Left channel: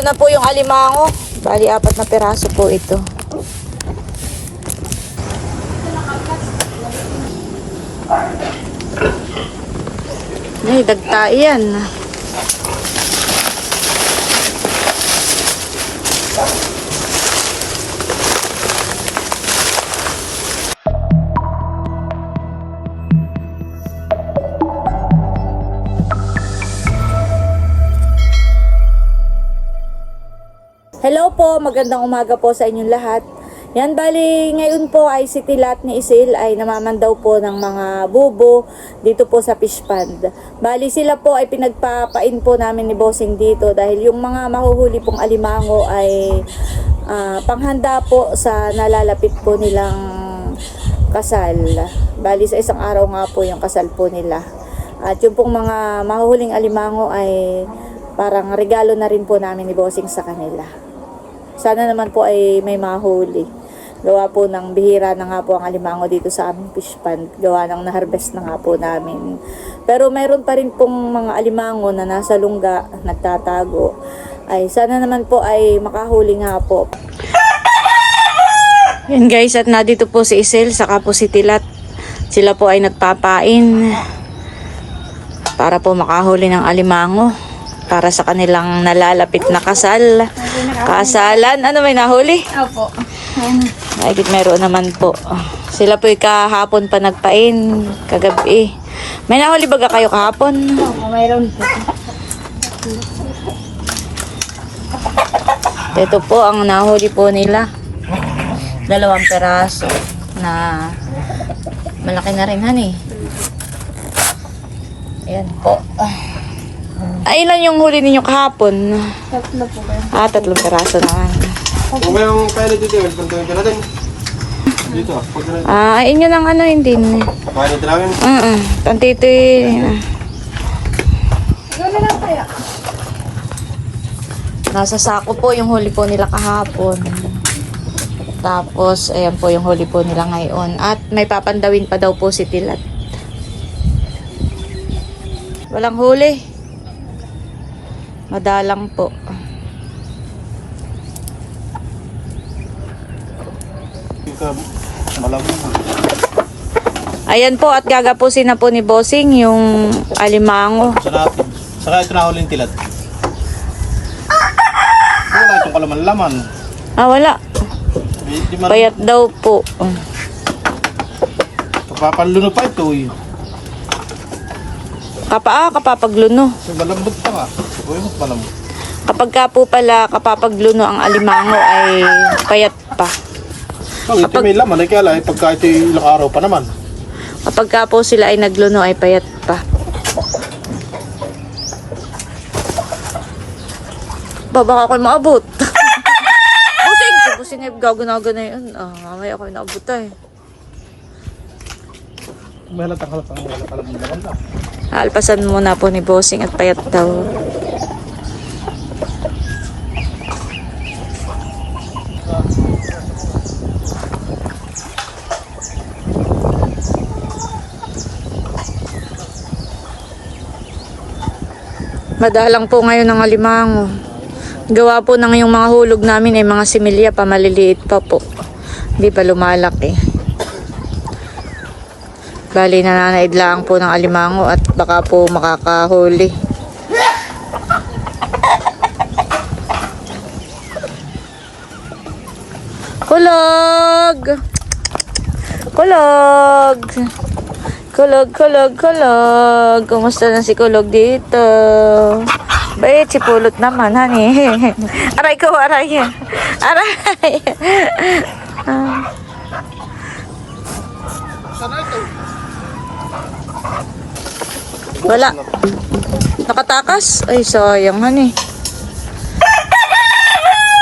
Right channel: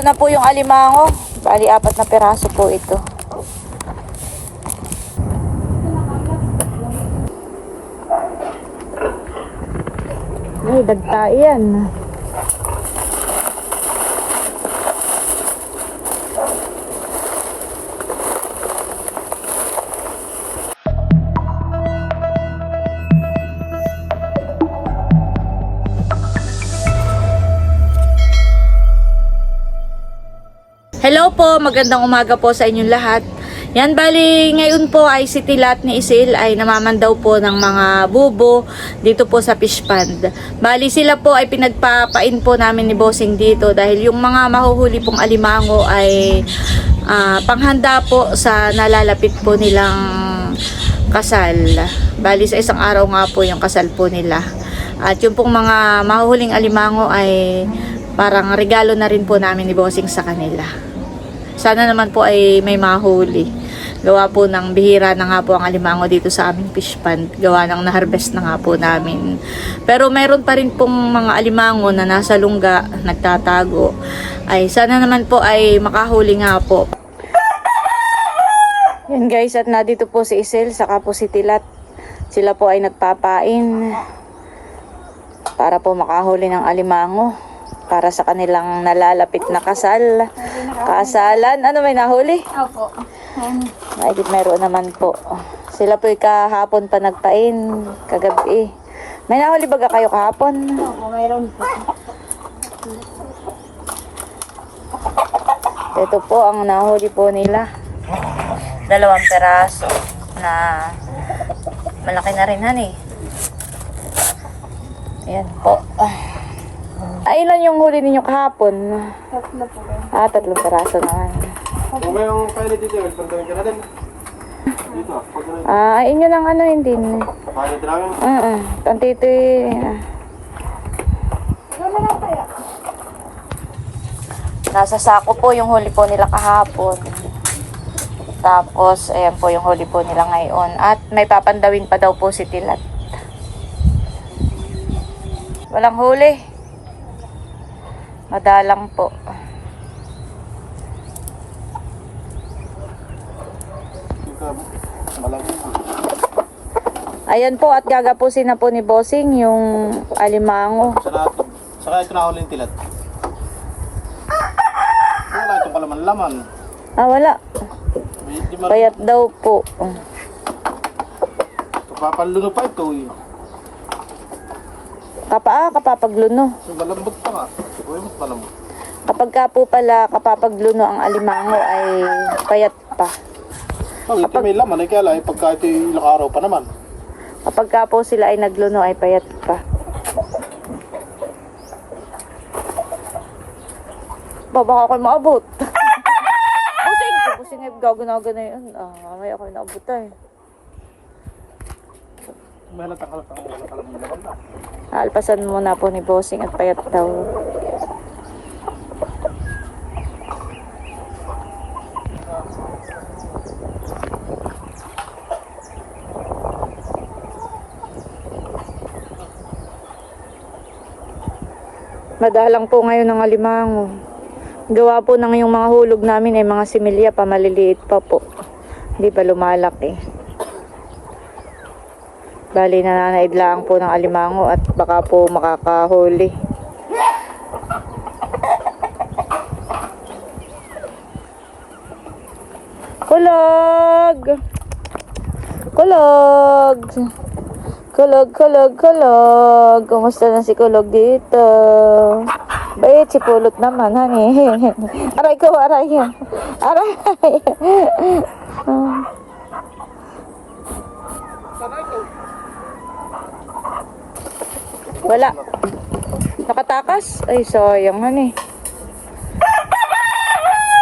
Ito na po yung alimango. Bali, 4 na piraso po ito. Ay, dagta yan. Hello po, magandang umaga po sa inyong lahat. Yan, bali ngayon po ay si Tilat ni Isil ay namamandaw po ng mga bubo dito po sa fish pond. Bali sila po ay pinagpapain po namin ni Bossing dito dahil yung mga mahuhuli pong alimango ay panghanda po sa nalalapit po nilang kasal. Bali sa isang araw nga po yung kasal po nila. At yung pong mga mahuhuling alimango ay parang regalo na rin po namin ni Bossing sa kanila. Sana naman po ay may mahuli. Gawa po ng bihira na nga po ang alimango dito sa aming fish pond. Gawa ng na-harvest na nga po namin. Pero meron pa rin pong mga alimango na nasa lungga, nagtatago. Ay sana naman po ay makahuli nga po. Yan guys, at nandito po si Isel, saka po si Tilat. Sila po ay nagpapain para po makahuli ng alimango para sa kanilang nalalapit na kasal. Kasalan. Ano, may nahuli? Opo. Ay, meron naman po. Sila po kahapon pa nagpain, kagabi. May nahuli baga kayo kahapon? Opo, mayroon po. Ito po ang nahuli po nila. 2 peraso na malaki na rin, honey. Ayan po. Ay, ilan yung huli ninyo kahapon? 3 po ba? 3 peraso naman. Kung mayroong kaya dito, pantawin ka natin. Dito, pag natin. Ay, inyo ng ano, hindi. Kaya natin namin. Tantito Gano'n lang kaya? nasa sako po yung huli po nila kahapon. Tapos, ayan po yung huli po nila ngayon. At may papandawin pa daw po si Tilat. Walang huli. Madalang po. Ayan po, at gagapusin na po ni Bossing yung alimango. Saka ito na huling tilat. Wala itong kalaman-laman. Wala. Payat daw po. Papaluno pa ito eh. Kapapagluno. Malambot pa nga. Uy, mas malambot. Kapag ka po pala kapapagluno ang alimango ay payat pa. Ito may laman. Ay kaya lang, pagka ito ilang araw pa naman. Kapag ka po sila ay nagluno ay payat pa. Baka ako'y maabot. Busing ay gaganaga na yun. Mamaya ako'y naabot ay. May halatang laman lang. Alpasan muna po ni Bossing at payat daw. Madalang po ngayon ang alimango. Gawa po ng yung mga hulog namin ay mga similya pa, maliliit pa po. Hindi pa lumalaki. Bali, nananaid lang po ng alimango at baka po makakahuli. Kulog! Kulog! Kulog, kulog, kulog. Kumusta na si Kulog dito? Bait, si Pulot naman, honey. Aray ko, aray. Aray. Wala. Nakatakas? Ay, sayang, honey.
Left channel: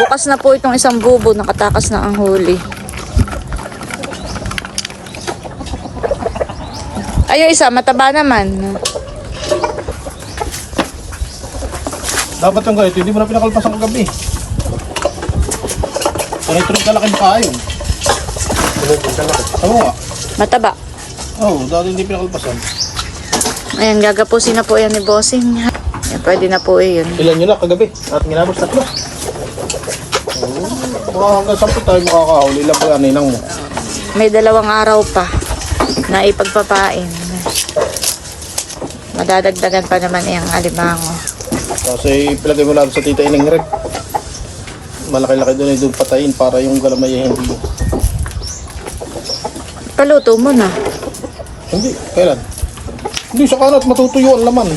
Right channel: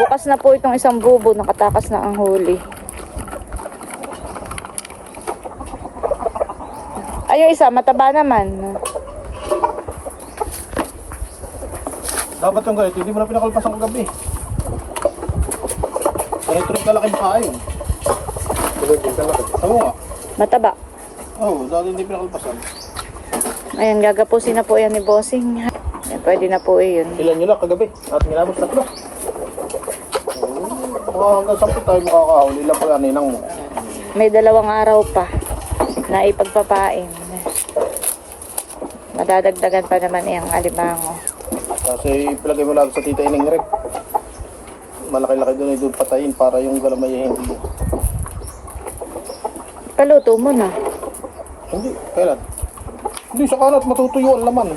Bukas na po itong isang bubo. Nakatakas na ang huli. Ay, yung isa, mataba naman. Dapat yung ganito, hindi mo na pinakalpasan kagabi. Tuloy-tuloy kalaki mo kayo. Tuloy-tuloy kalaki. Tama nga. Mataba. Oo, dati hindi pinakalpasan. Ayan, gagapusin na po yan ni Bossing. Yan, pwede na po yun. Ilan yun na kagabi? At ginabos tatlo. Mga hanggang 10 tayo makakahuli. Ilan pa ninang mo? May 2 araw pa na ipagpapain. Madadagdagan pa naman yung alimango. Kasi pilagay mo lang sa tita inang red. Malaki-laki doon ay doon patayin para yung galamay ay hindi. Paluto mo na. Hindi, kailan? Hindi, sa kanat matutuyo ang laman.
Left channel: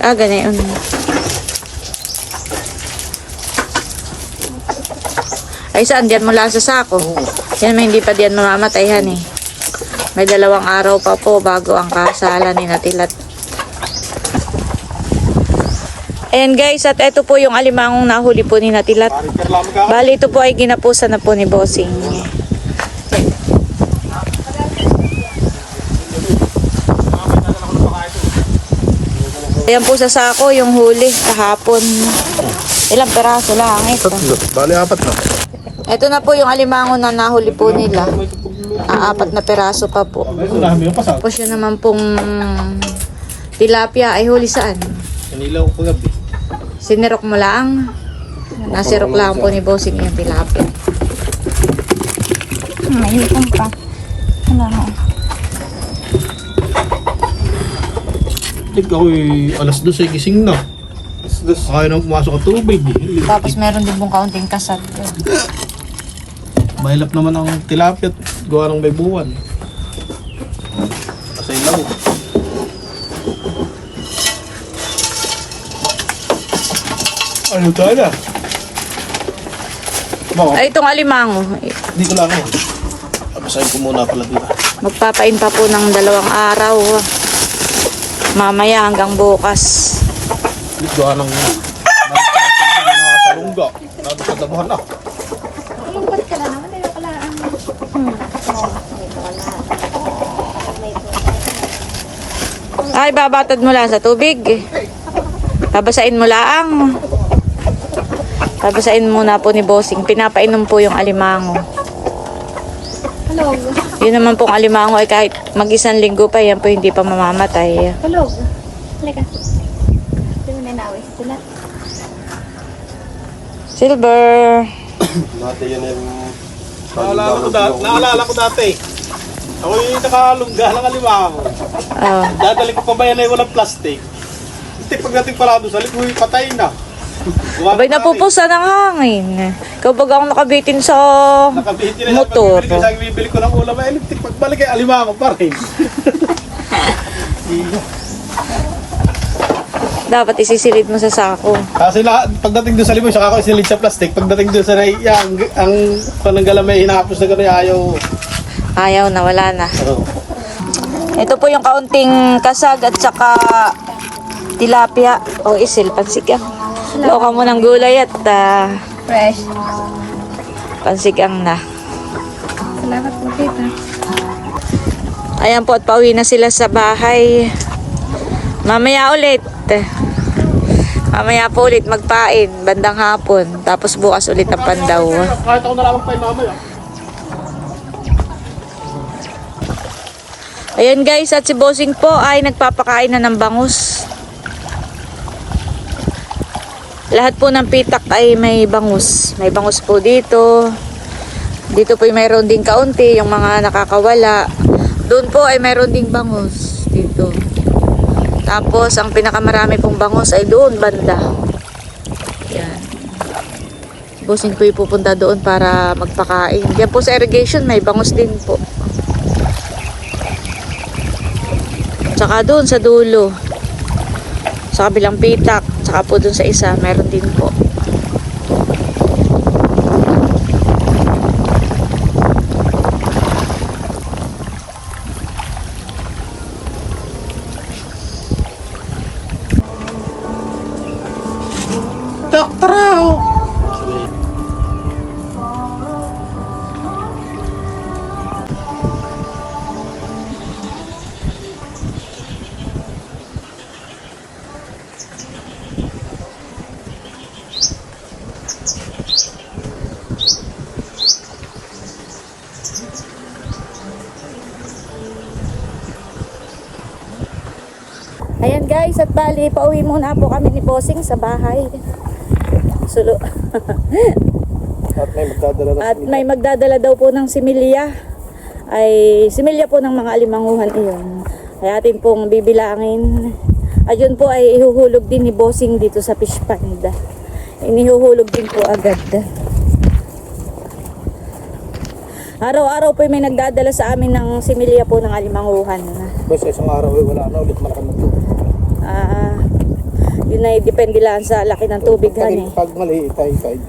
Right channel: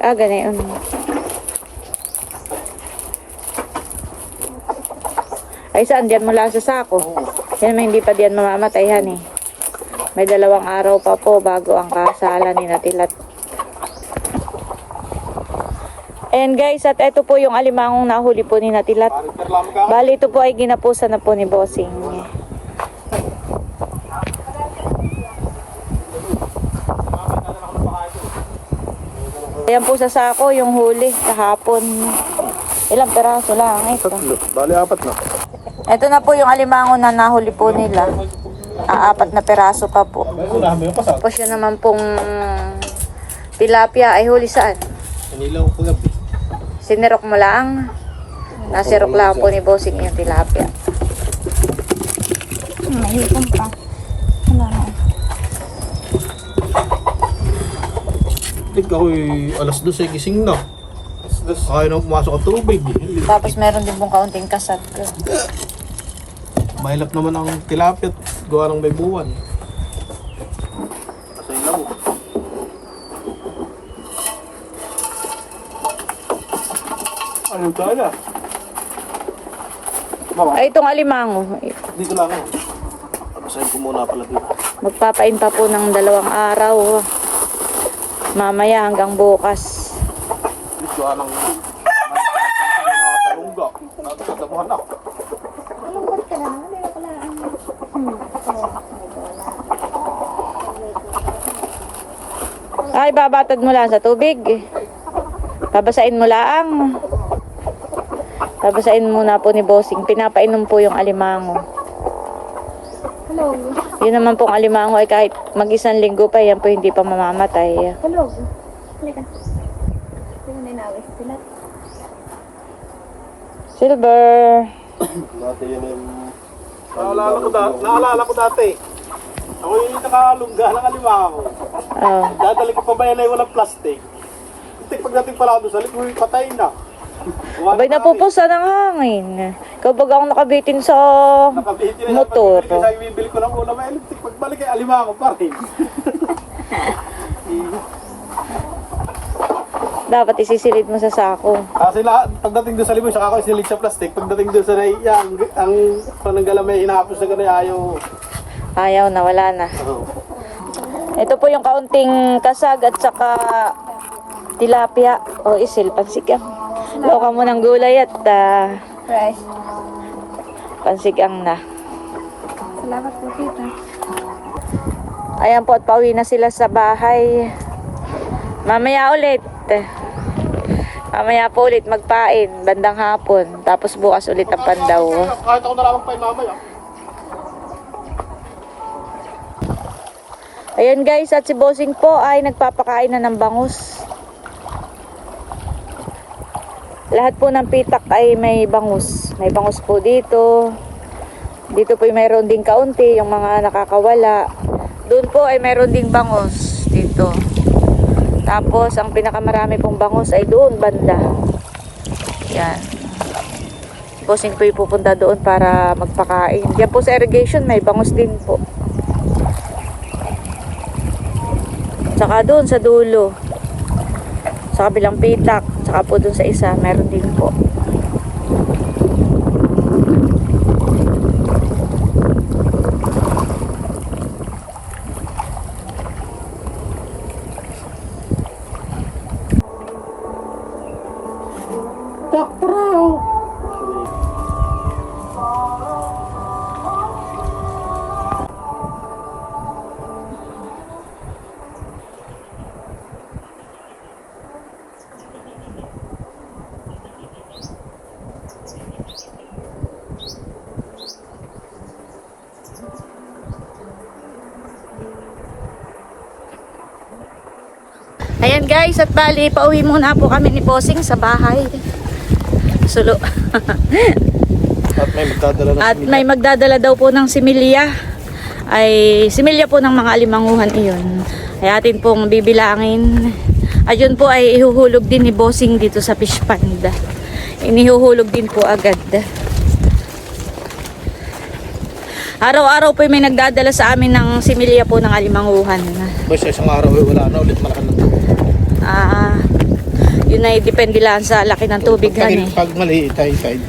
Ganyan. Ay, saan? Diyan mo lang sa sako. Yan, may hindi pa diyan mamamatayhan eh. May 2 araw pa po bago ang kasalan ni Natilat. Ayan guys, at ito po yung alimangong nahuli po ni Natilat. Bali, ito po ay ginapusan na po ni Bossing. Ayan po sa sako yung huli kahapon. Ilang peraso lang ito. Bali, 4 na. Ito na po yung alimango na nahuli po nila. 4 na peraso pa po. Tapos yun naman pong tilapia ay huli saan? Inilaw ko gabi. Sinirok mo lang. Nasirok lang po ni Bossing yung tilapia. Mahitang pa. Tik ako'y alas 2 ay gising na. Kaya na pumasok ang tubig. Tapos meron din pong kaunting kasat. Mahilap naman ang tilapia at gawa ng may buwan. Kasi ilaw. Ano tayo na? Ay, itong alimango. Hindi ko lang yun. Papasahin ko muna pala dito. Magpapain pa po ng 2 araw. Mamaya hanggang bukas. Gawa ng salungga. Nado sa dabuhan na. Malungkot ka na naman. Hindi pala ang... Ay, babatad mo lang sa tubig. Babasain mo lang. Babasain muna po ni Bossing. Pinapainom po yung alimango. Hello. Yun naman pong alimango ay kahit mag-1 linggo pa, yan po hindi pa mamamatay. Hello. Halika. Hindi mo na nawis sila. Silver. Dati yan yung... Naalala ko dati. Ako yung nakalungga ng alimango. Oh. Dadali ko pa ba yan ay walang plastic? Hindi pagdating pala doon sa lipoy, patay na. Abay, napupusa ng hangin. Ikaw baga akong nakabitin sa Nakabitin na motor. Pag bibili ko ng ulam ay electric. Pagbalik ay alimango pa rin. Dapat isisilid mo sa sako. Kasi pagdating doon sa lipoy, saka ako isilid sa plastic. Pagdating doon sa ang pananggalamay, hinahapos na gano'y ayaw. Ayaw na, wala na. Ito po yung kaunting kasag at saka tilapia o isil, pansigang. Loka mo ng gulay at Fresh. pansigang na. Salamat po, tita. Ayan po at pauwi na sila sa bahay. Mamaya ulit. Mamaya po ulit magpain, bandang hapon. Tapos bukas ulit ang pandaw. Kahit ako na lang pa mamaya. Ayan guys, at si Bossing po ay nagpapakain na ng bangus. Lahat po ng pitak ay may bangus. May bangus po dito. Dito po ay mayroon din kaunti, yung mga nakakawala. Doon po ay mayroon din bangus. Dito. Tapos, ang pinakamarami pong bangus ay doon, banda. Yan. Bossing po ay pupunta doon para magpakain. Diyan po sa irrigation, may bangus din po. Tsaka doon sa dulo. Sa kabilang pitak. Tsaka po doon sa isa, meron din po. Doktor! Ayan guys, at bali, pauwi muna po kami ni Bossing sa bahay. Sulo. At may magdadala ng At may magdadala daw po ng similya. Ay, similya po ng mga alimanguhan iyon. Ay atin pong bibilangin. At yun po ay ihuhulog din ni Bossing dito sa fish pond. Inihuhulog din po agad. Araw-araw po may nagdadala sa amin ng similya po ng alimanguhan. Basta isang araw ay wala na ulit malakan ng tubig. Yun ay depende lang sa laki ng tubig han eh. Pag maliit ay side.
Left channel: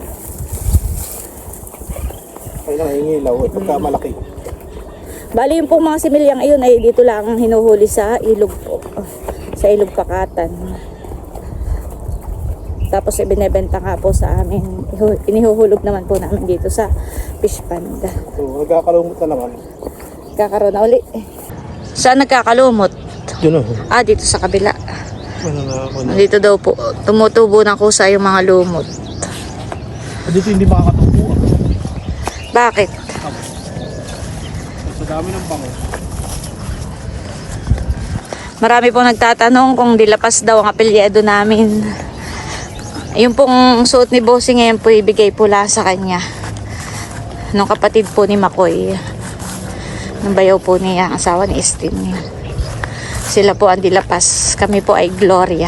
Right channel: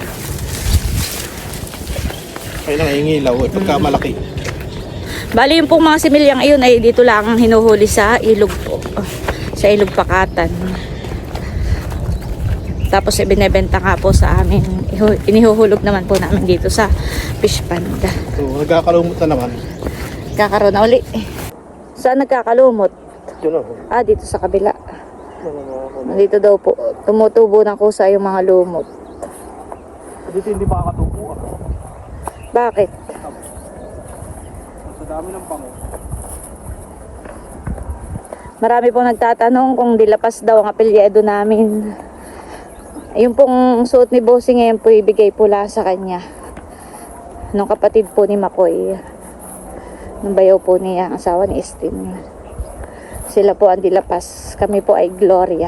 Ay nangingilaw eh pagka malaki. Bali yung pong mga similyang iyon ay dito lang hinuhuli sa ilog po. Sa ilog Pakatan. Tapos ibinebenta nga po sa amin. Inihuhulog naman po namin dito sa fish pond. So, nagkakalumot na naman. Kakaroon na uli. Saan nagkakalumot? Yun o. Dito sa kabila. Ano. Dito daw po, tumutubo ng kusa yung mga lumot. Dito hindi makakatubo. Bakit? Sa dami ng bango. Marami pong nagtatanong kung dilapas daw ang apelyido namin. Yung pong suot ni Bossing ngayon po ibigay pula sa kanya. Nung kapatid po ni Makoy. Nung bayaw po niya, ang asawa ni Estin. Sila po ang dilapas. Kami po ay Gloria.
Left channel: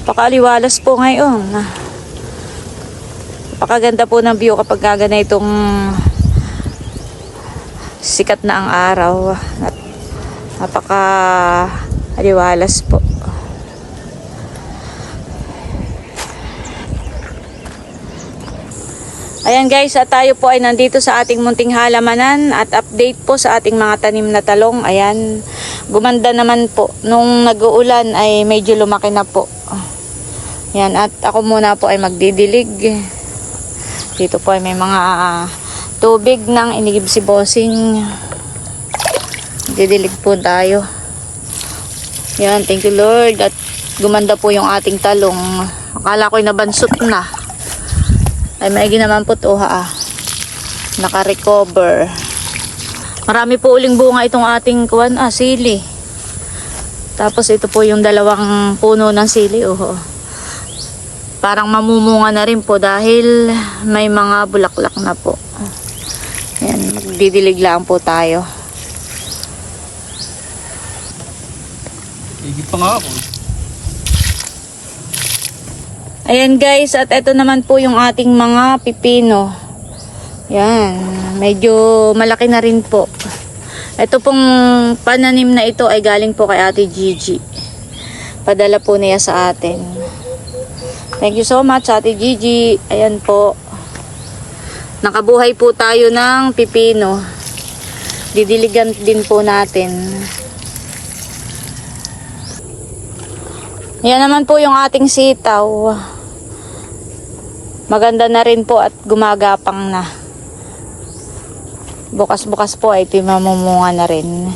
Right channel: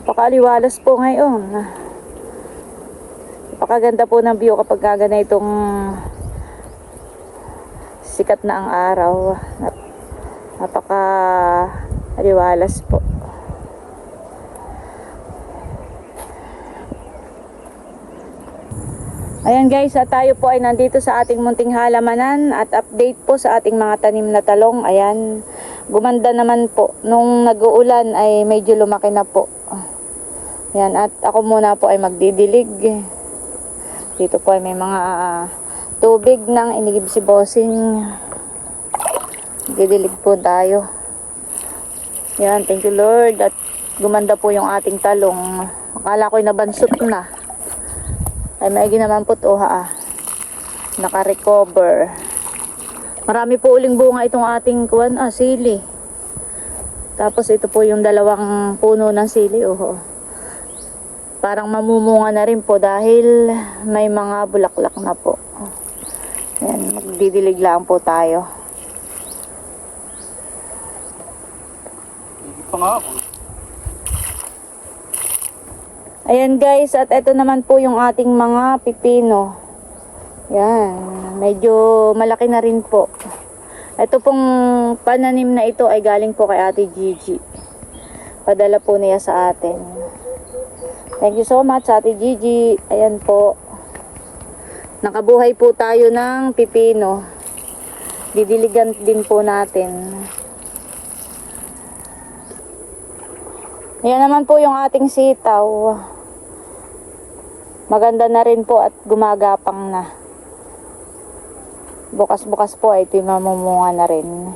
Napakaliwalas po ngayon. Napakaganda po ng view kapag gagana itong sikat na ang araw. Napakaliwalas po. Ayan guys, at tayo po ay nandito sa ating munting halamanan at update po sa ating mga tanim na talong. Ayan, gumanda naman po. Nung nag-uulan ay medyo lumaki na po. Ayan, at ako muna po ay magdidilig. Dito po ay may mga tubig nang inigib si Bossing. Didilig po tayo. Ayan, thank you Lord. At gumanda po yung ating talong. Akala ko'y nabansot na. Ay maigi naman po ito naka-recover. Marami po uling bunga itong ating sili. Tapos ito po yung dalawang puno ng sili. Parang mamumunga na rin po dahil may mga bulaklak na po. Yan, magdidilig lang po tayo. Higit pa nga ako. Ayan guys, at ito naman po yung ating mga pipino. Yan, medyo malaki na rin po. Ito pong pananim na ito ay galing po kay Ate Gigi. Padala po niya sa atin. Thank you so much Ate Gigi. Ayan po. Nakabuhay po tayo ng pipino. Didiligan din po natin. Yan naman po yung ating sitaw. Maganda na rin po at gumagapang na. Bukas-bukas po ay mamumunga na rin.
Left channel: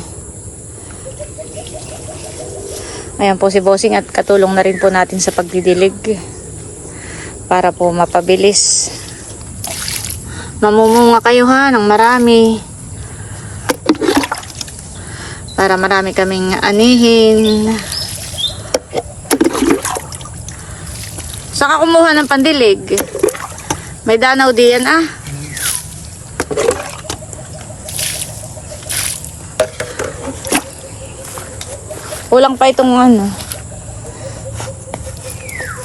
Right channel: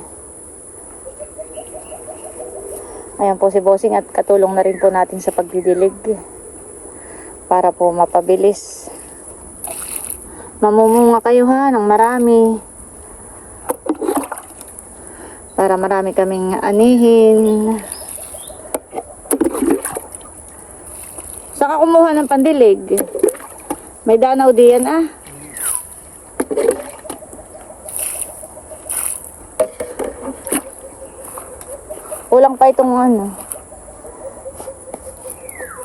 Ayan po si Bossing at katulong na rin po natin sa pagdidilig. Para po mapabilis. Mamumunga kayo ng marami. Para marami kaming anihin. Saka kumuha ng pandilig. May danaw diyan Kulang pa itong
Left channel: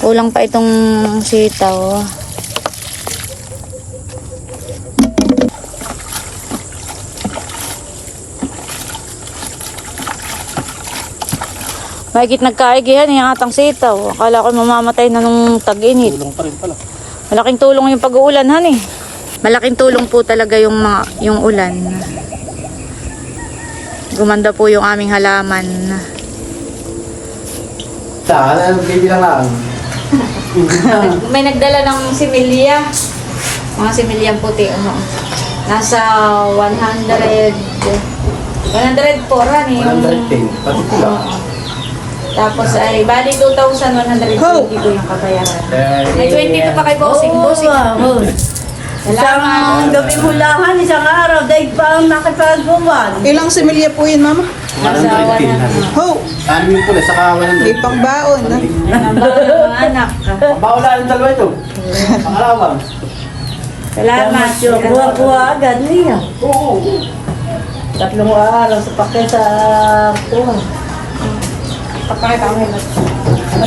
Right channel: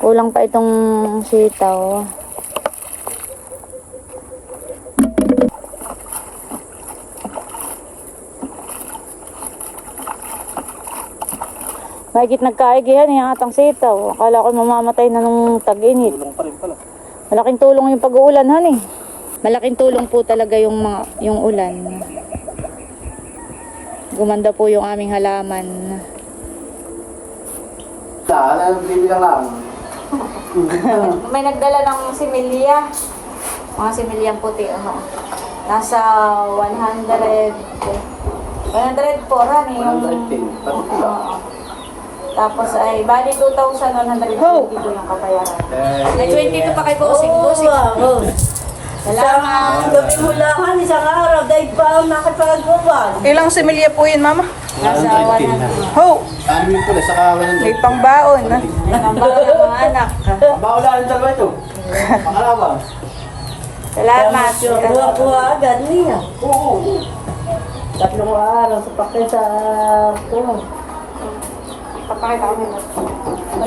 Kulang pa itong sitaw. Mahigit nagkaigihan yung atang sitaw. Akala ko mamamatay na nung tag-init. Tulong pa rin pala. Malaking tulong yung pag-uulan Malaking tulong po talaga yung ulan. Gumanda po yung aming halaman. Bibilang lang. May nagdala ng similya. Mga similyang puti. Nasa 100 po rin. 110. Pati pula. Tapos ay bali 2,120 po yung kabayaran. May 22 pa kay Bossing. Bossing. Oo. Isang gabi hulahan, isang araw, dahil pa ang nakipagawan. Ilang similya po yun, Mama? Nasa 100. Ho! Ano yung pula, saka May pangbaon. Ha? Ang bawal ng mga anak. Bawala ang dalawa ito. Pangalaman. Salamat, Joker. Kuha-kuha agad niya. Tatlong araw sa pakita ko. Pakakita ko may lot.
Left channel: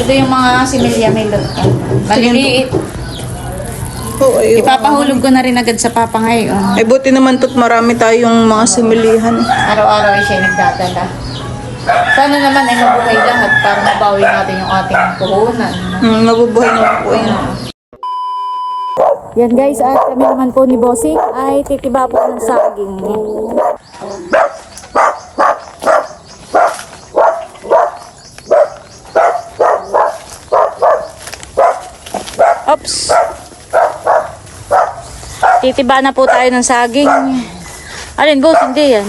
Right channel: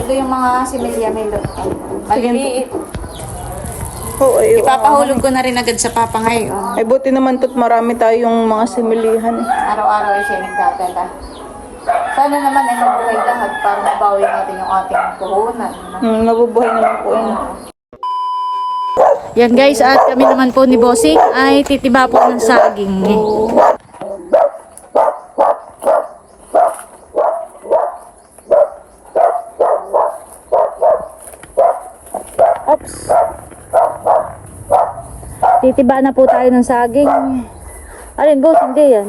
Ito yung mga similya may lot. Maliliit. Oh, ay, Ipapahulog ko na rin agad sa papa ngayon. ay buti naman to't marami tayong mga similihan. Araw-araw ay siya nagdadala. Sana naman ay mabuhay lahat para mabawi natin yung ating puhunan. Mabubuhay naman po yun. Yan guys, at kami naman po ni Bossing ay titiba po ng saging. Oops. Titiba na po tayo ng saging. Alin boss, hindi yan.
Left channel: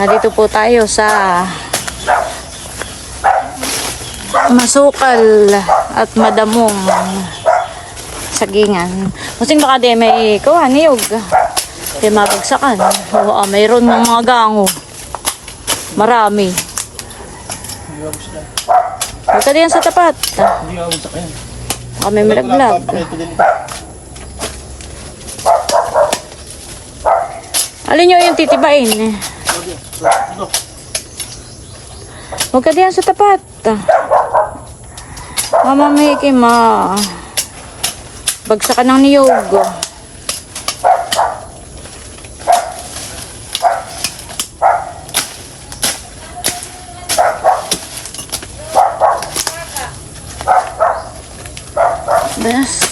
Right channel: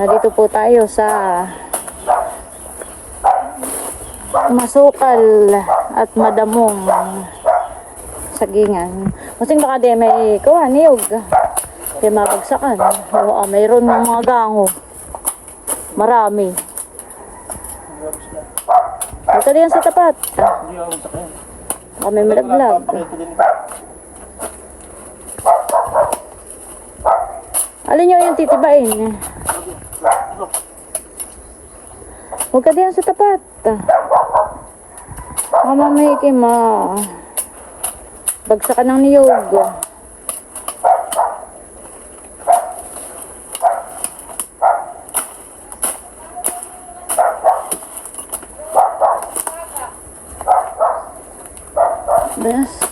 Dito po tayo sa masukal at madamong sagingan. Musing baka di may kuha niyog. Di mabagsakan. Oo, mayroon ng mga gango. Marami. Huwag ka diyan sa tapat. Baka may malaglag. Alin nyo yung titibain? Huwag ka diyan sa tapat. Mamamahiki bagsakan ng niyog. Bas.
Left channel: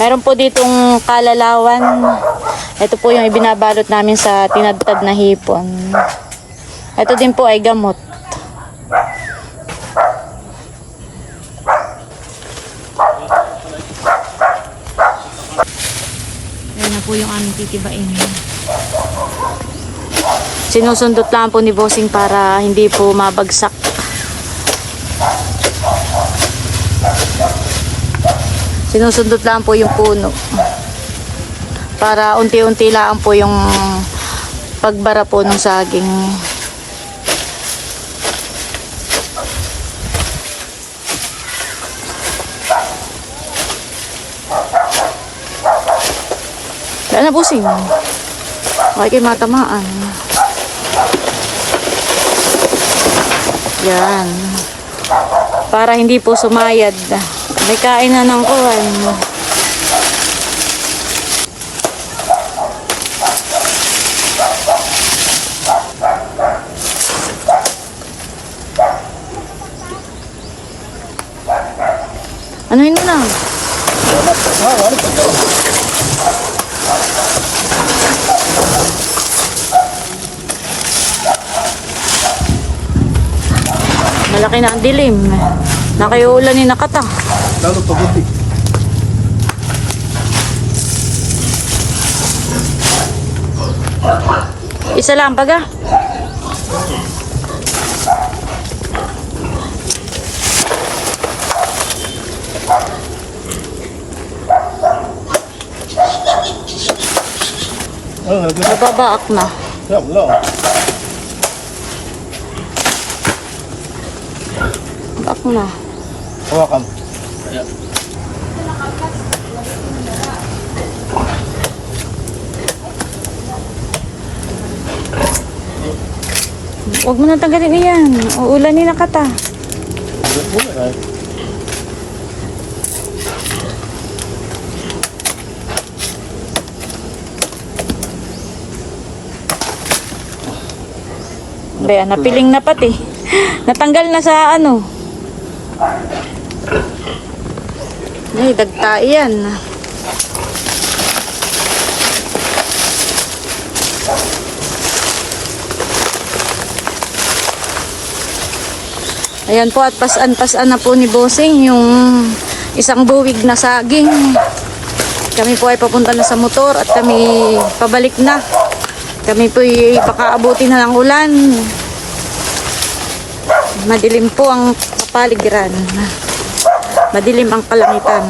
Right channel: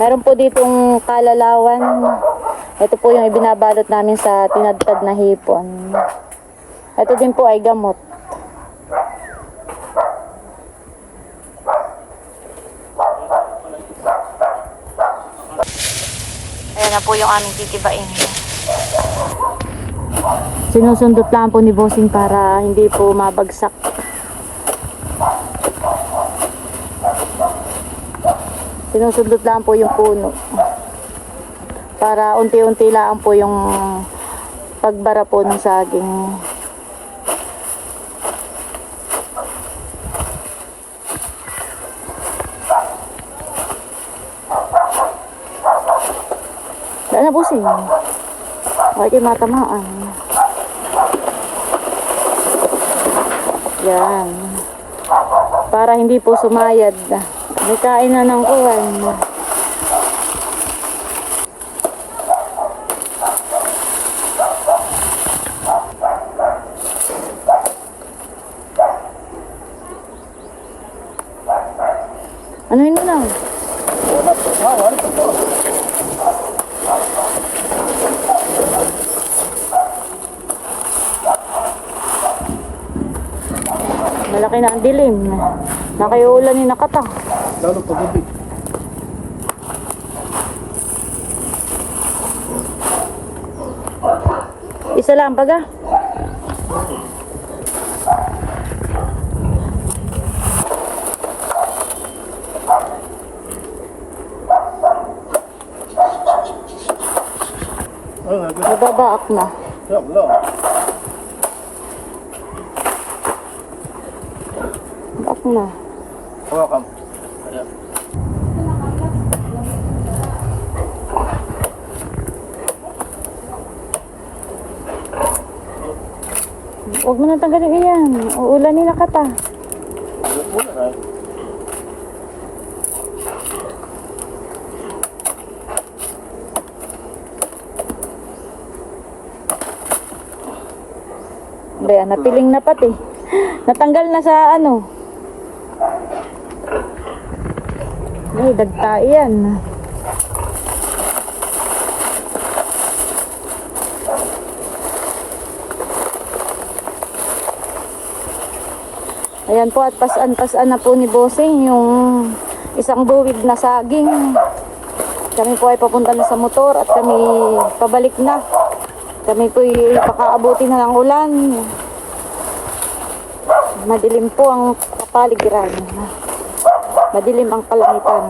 Meron po ditong kalalawan. Ito po yung ibinabalot namin sa tinadtad na hipon. Ito din po ay gamot. Ayan na po yung aming titibain. Sinusundot lang po ni Bossing para hindi po mabagsak. Sinusundot lang po yung puno. Para unti-unti lang po yung pagbara po ng saging. Wala na Bossing. Okay kayo matamaan. Yan. Para hindi po sumayad. May kain na ng kuwan. Anuhin mo na. Malaki na ang dilim. Nakayulan ni nakata. Lalo pagod. Isa lang baga. Nababaak na. Yeah, wala. Baak na. Hawakan. Ayan. Huwag mo nang tanggalin iyan. Uulanin na kata. Baya, napiling na pati. Natanggal na sa ano. Ay, dagta yan. Ayan po at pasan-pasan na po ni Bossing yung isang buwig na saging. Kami po ay papunta na sa motor at kami pabalik na. Kami po ay baka abutin na ng ulan. Madilim po ang kapaligiran. Madilim ang kalangitan.